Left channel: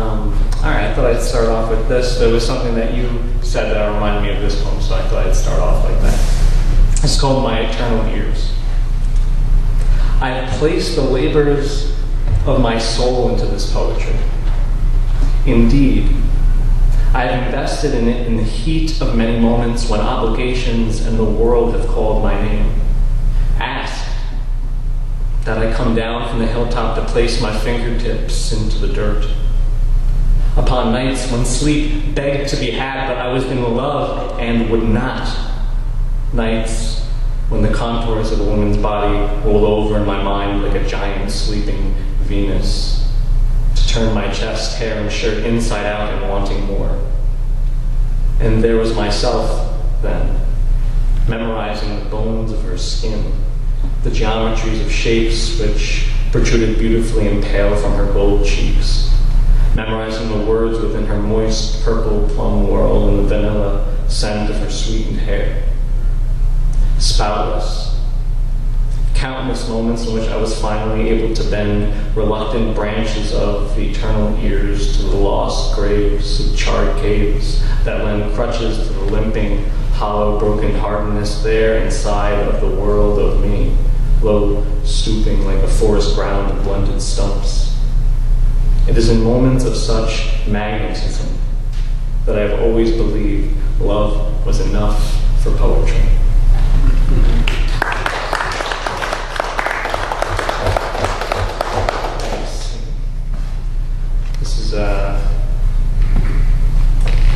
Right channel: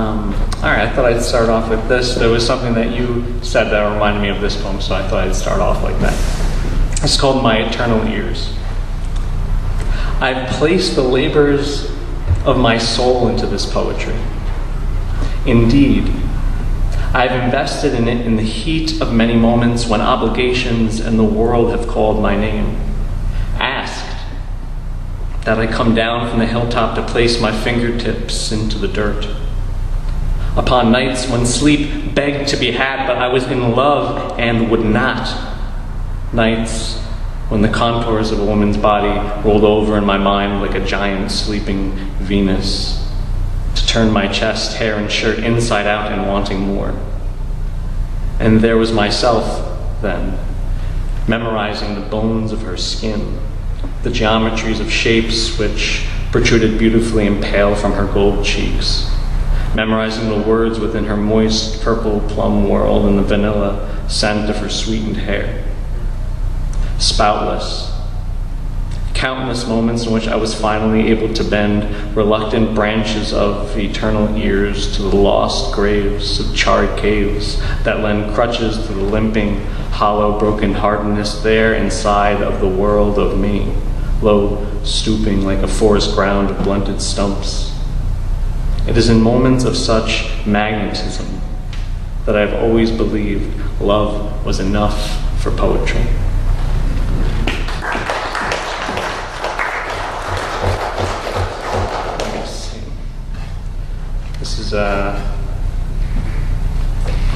All right, I thought I'd start off with this. There was something that you said that reminded me of this poem, so I thought I'd start off like that. It's called My Eternal Ears. I've placed the labors of my soul into this poetry. Indeed, I've invested in it in the heat of many moments when obligations and the world have called my name, asked that I come down from the hilltop to place my fingertips into the dirt. Upon nights when sleep begged to be had, but I was in love and would not. Nights when the contours of a woman's body rolled over in my mind like a giant sleeping Venus, to turn my chest, hair, and shirt inside out and wanting more. And there was myself, then, memorizing the bones of her skin, the geometries of shapes which protruded beautifully and pale from her gold cheeks, memorizing the words within her moist purple plum world and the vanilla scent of her sweetened hair. Spoutless. Countless moments in which I was finally able to bend reluctant branches of eternal ears to the lost graves of charred caves that lend crutches to the limping, hollow, broken heartedness there inside of the world of me, low, stooping like a forest ground of blunted stumps. It is in moments of such magnetism that I have always believed love was enough for poetry. This is a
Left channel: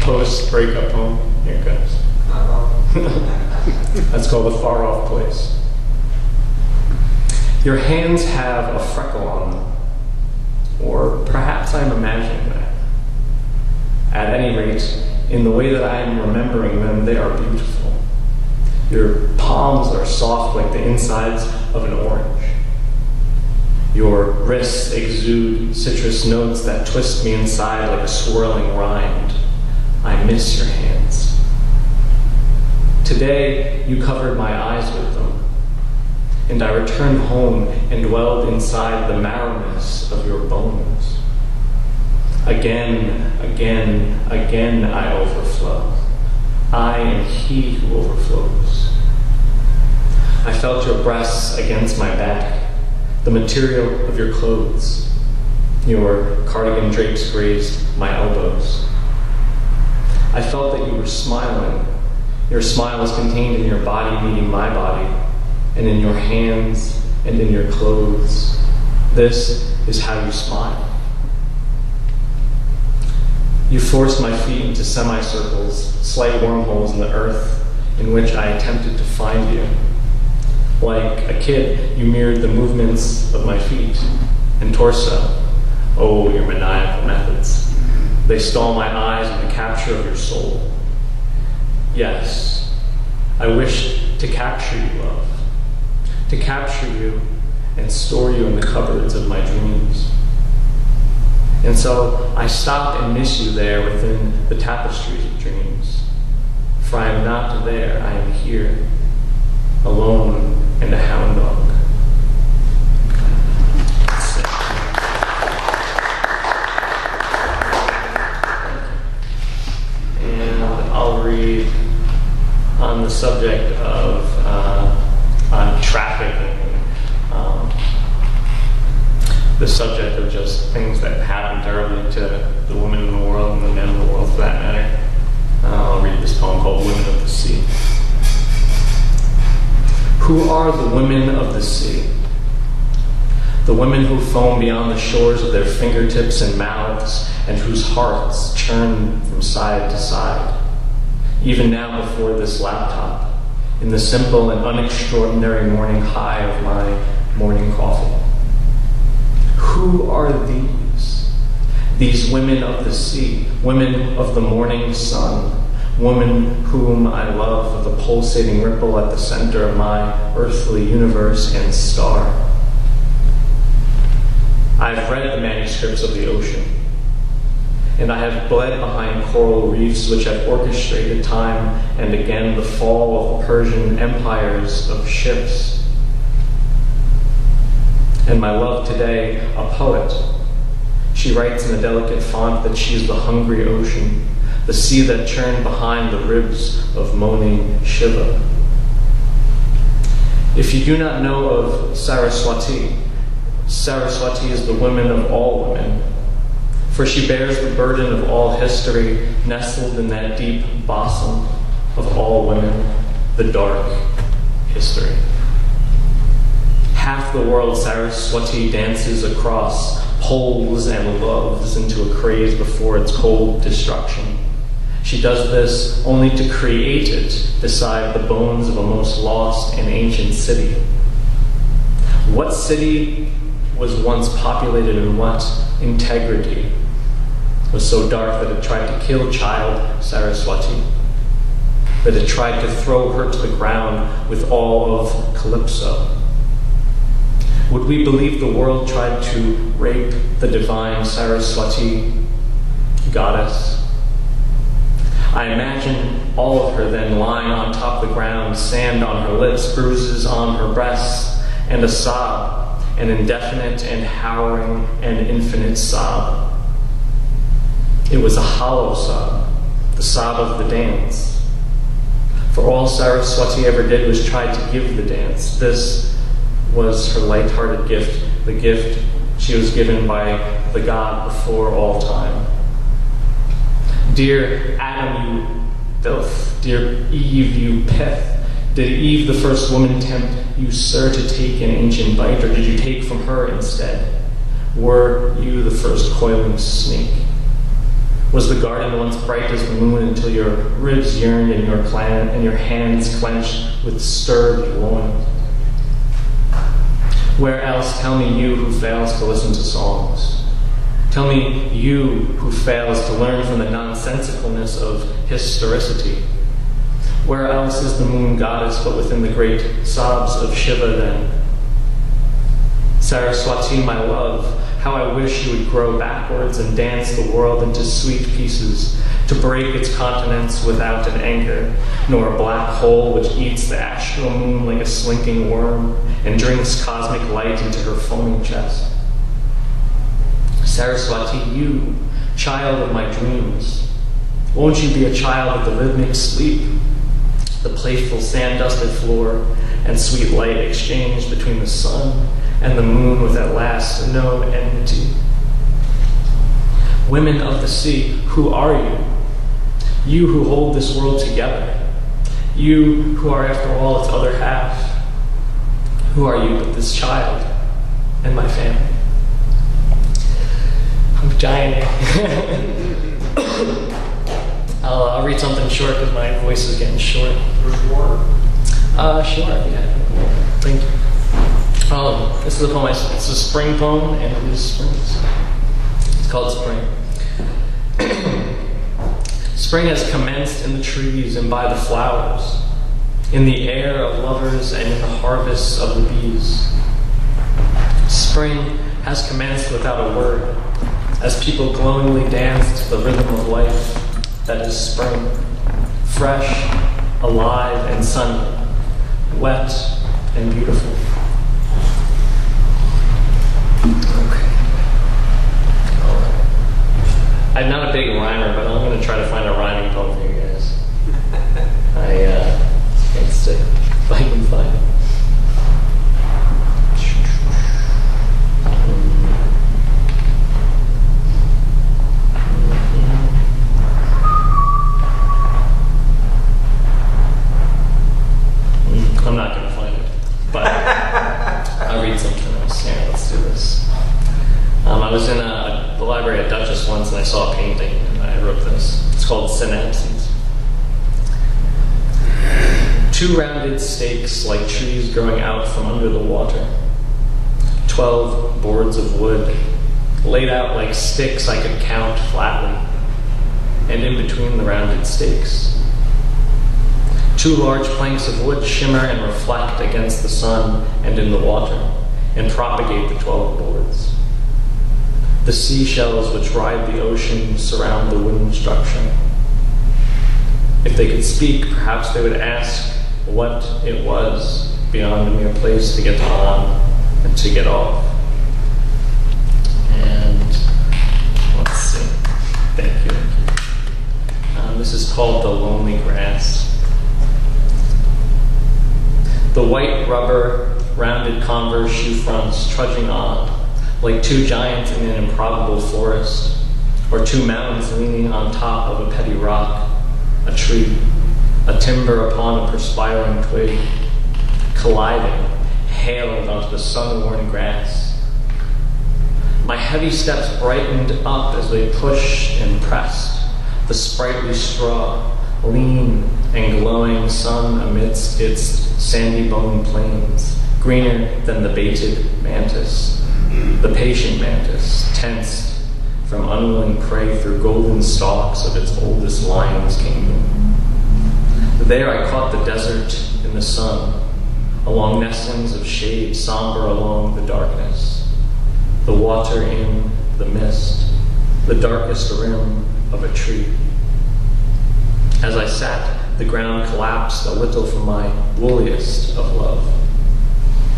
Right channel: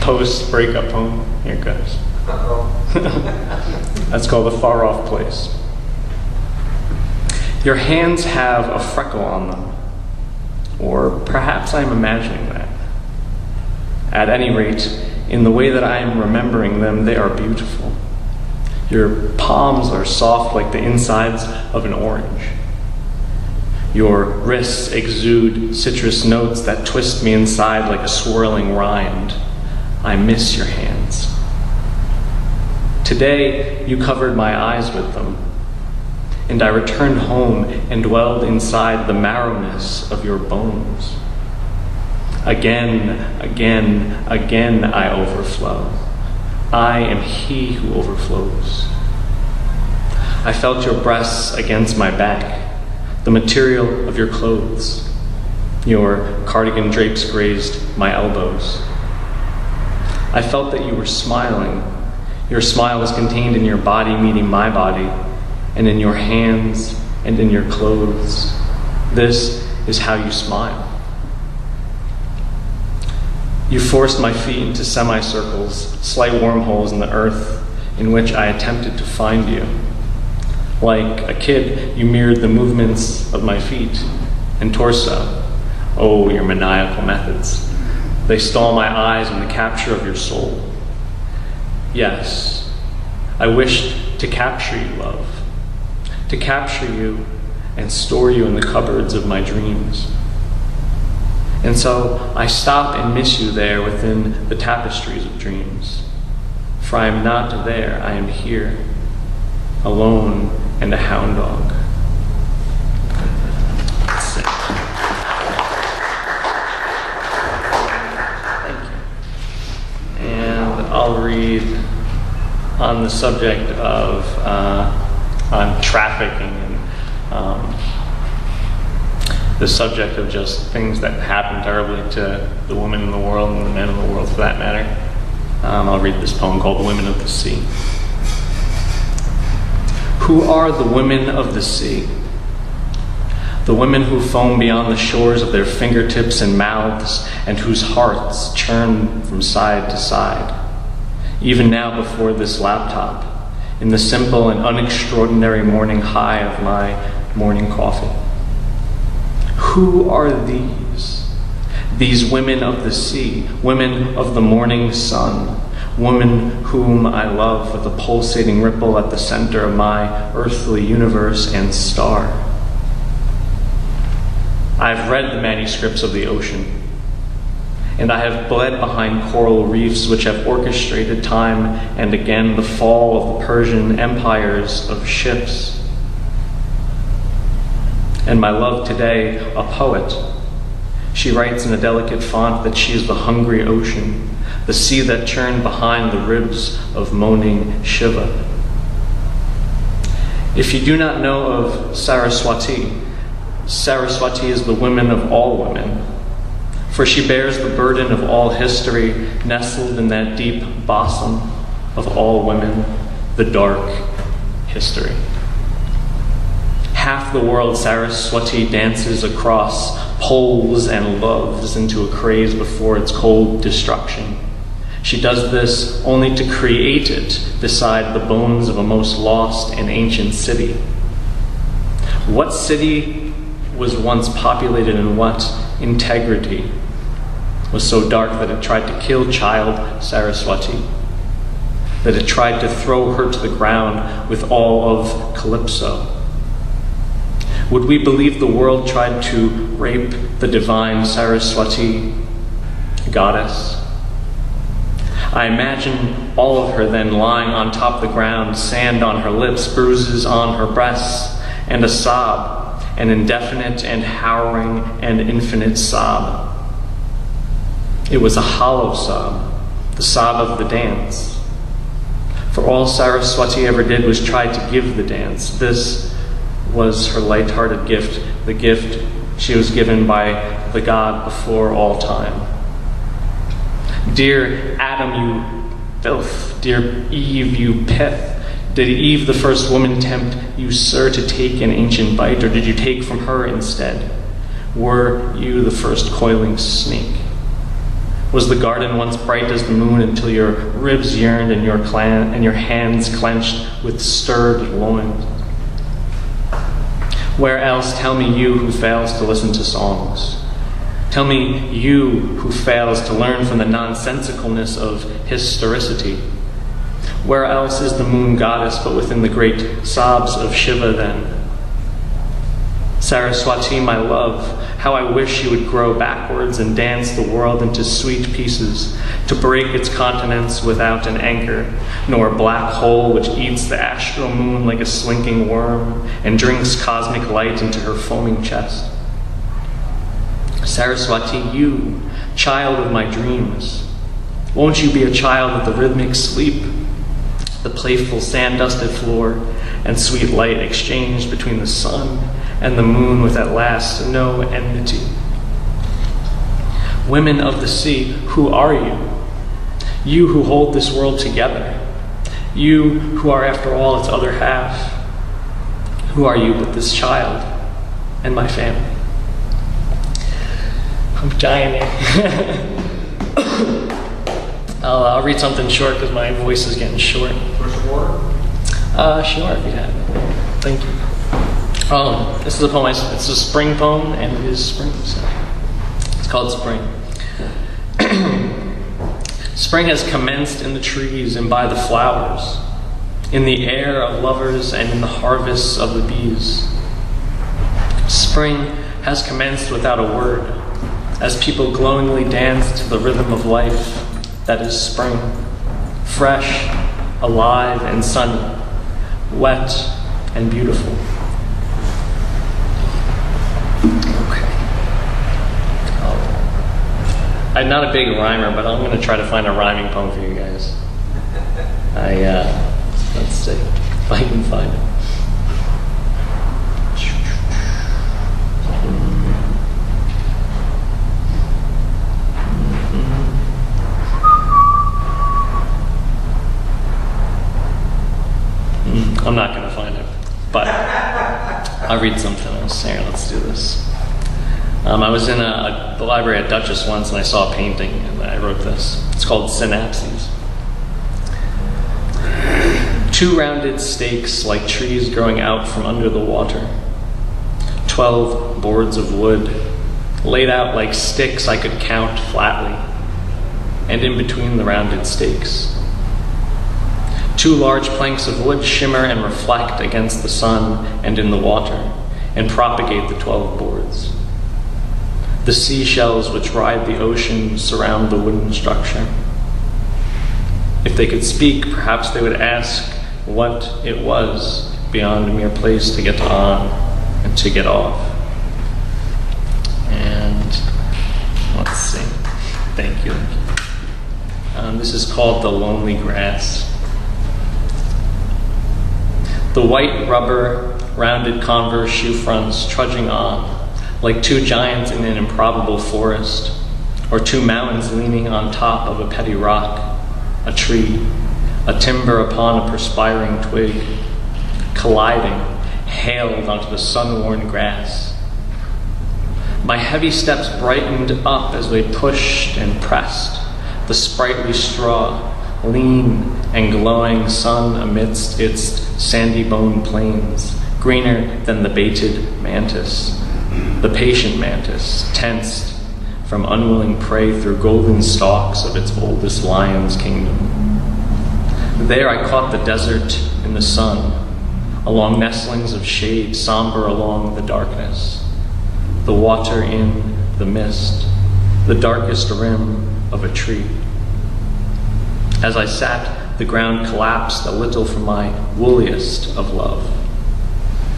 post-breakup poem. Here it goes. That's called A Far Off Place. Your hands have a freckle on them, or perhaps I'm imagining that. At any rate, in the way that I am remembering them, they are beautiful. Your palms are soft like the insides of an orange. Your wrists exude citrus notes that twist me inside like a swirling rind. I miss your hands. Today, you covered my eyes with them, and I returned home and dwelled inside the marrowness of your bones. Again, again, again I overflow. I am he who overflows. I felt your breasts against my back, the material of your clothes. Your cardigan drapes grazed my elbows. I felt that you were smiling. Your smile was contained in your body meeting my body, and in your hands and in your clothes. This is how you smile. You forced my feet into semicircles, slight wormholes in the earth in which I attempted to find you. Like a kid, you mirrored the movements of my feet and torso. Oh, your maniacal methods. They stole my eyes in the capture of your soul. Yes, I wished to capture you, love. To capture you and store you in the cupboards of my dreams. And so I stop and miss you there within the tapestries of dreams. For I am not there, I am here, alone and a hound dog. That's it. And I'll read on the subject of on trafficking and the subject of just things that happen terribly to the women in the world and the men in the world for that matter. I'll read this poem called Women of the Sea. Who are the women of the sea? The women who foam beyond the shores of their fingertips and mouths, and whose hearts churn from side to side. Even now before this laptop, in the simple and unextraordinary morning high of my morning coffee. Who are these? These women of the sea, women of the morning sun, women whom I love with the pulsating ripple at the center of my earthly universe and star. I've read the manuscripts of the ocean, and I have bled behind coral reefs which have orchestrated time and again the fall of the Persian empires of ships. And my love today, a poet, She writes in a delicate font that she is the hungry ocean, the sea that churned behind the ribs of moaning Shiva. If you do not know of Saraswati, Saraswati is the woman of all women, for she bears the burden of all history nestled in that deep bosom of all women, the dark history. Half the world Saraswati dances across, pulls and loves into a craze before its cold destruction. She does this only to create it beside the bones of a most lost and ancient city. What city was once populated and what integrity was so dark that it tried to kill child Saraswati, that it tried to throw her to the ground with all of Calypso? Would we believe the world tried to rape the divine Saraswati goddess? I imagine all of her then lying on top of the ground, sand on her lips, bruises on her breasts, and a sob, an indefinite and harrowing and infinite sob. It was a hollow sob, the sob of the dance. For all Saraswati ever did was try to give the dance. This was her light-hearted gift, the gift she was given by the God before all time. Dear Adam, you filth, dear Eve, you pith, did Eve, the first woman, tempt you, sir, to take an ancient bite, or did you take from her instead? Were you the first coiling snake? Was the garden once bright as the moon until your ribs yearned and your hands clenched with stirred loins? Where else, tell me, you who fails to listen to songs? Tell me, you who fails to learn from the nonsensicalness of historicity. Where else is the moon goddess but within the great sobs of Shiva then? Saraswati, my love, how I wish you would grow backwards and dance the world into sweet pieces, to break its continents without an anchor, nor a black hole which eats the astral moon like a slinking worm and drinks cosmic light into her foaming chest. Saraswati, you, child of my dreams, won't you be a child of the rhythmic sleep, the playful sand-dusted floor, and sweet light exchanged between the sun and the moon with at last no enmity? Women of the sea, who are you? You who hold this world together. You who are, after all, its other half. Who are you but this child and my family? I'm dying here. I'll read something short because my voice is getting short. Sure, yeah. Thank you. This is a poem. It's a spring poem, and it is spring. So it's called Spring. Spring has commenced in the trees and by the flowers, in the air of lovers and in the harvests of the bees. Spring has commenced without a word, as people glowingly dance to the rhythm of life that is spring, fresh, alive, and sunny, wet and beautiful. Okay. I'm not a big rhymer, but I'm going to try to find a rhyming poem for you guys. Let's see if I can find it. I'm not going to find it, but I'll read something else. Here, let's do this. I was in the library at Dutchess once, and I saw a painting, and I wrote this. It's called Synapses. 2 rounded stakes like trees growing out from under the water. 12 boards of wood, laid out like sticks I could count flatly, and in between the rounded stakes. 2 large planks of wood shimmer and reflect against the sun and in the water, and propagate the 12 boards. The seashells which ride the ocean surround the wooden structure. If they could speak, perhaps they would ask what it was beyond a mere place to get on and to get off. And Thank you. This is called The Lonely Grass. The white rubber, rounded Converse shoe fronts trudging on, like two giants in an improbable forest, or two mountains leaning on top of a petty rock, a tree, a timber upon a perspiring twig, colliding, hailed onto the sun-worn grass. My heavy steps brightened up as we pushed and pressed, the sprightly straw, lean and glowing sun amidst its sandy-boned plains, greener than the baited mantis, the patient mantis, tensed from unwilling prey through golden stalks of its oldest lion's kingdom. There I caught the desert in the sun, along nestlings of shade, somber along the darkness, the water in the mist, the darkest rim of a tree. As I sat, the ground collapsed a little from my wooliest of love,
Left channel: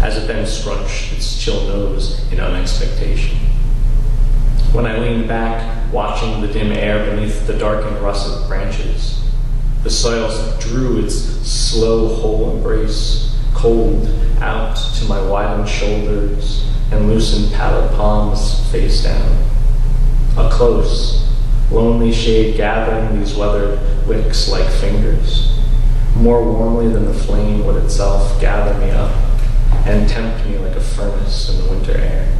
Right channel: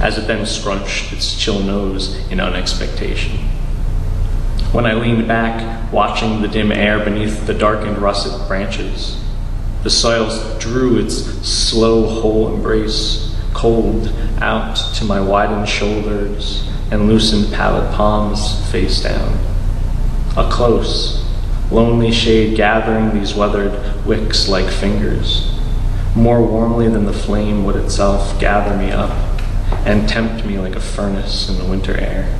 as it then scrunched its chill nose in unexpectation. When I leaned back, watching the dim air beneath the darkened russet branches, the soil drew its slow whole embrace, cold out to my widened shoulders and loosened pallet palms face down. A close, lonely shade gathering these weathered wicks like fingers, more warmly than the flame would itself gather me up and tempt me like a furnace in the winter air.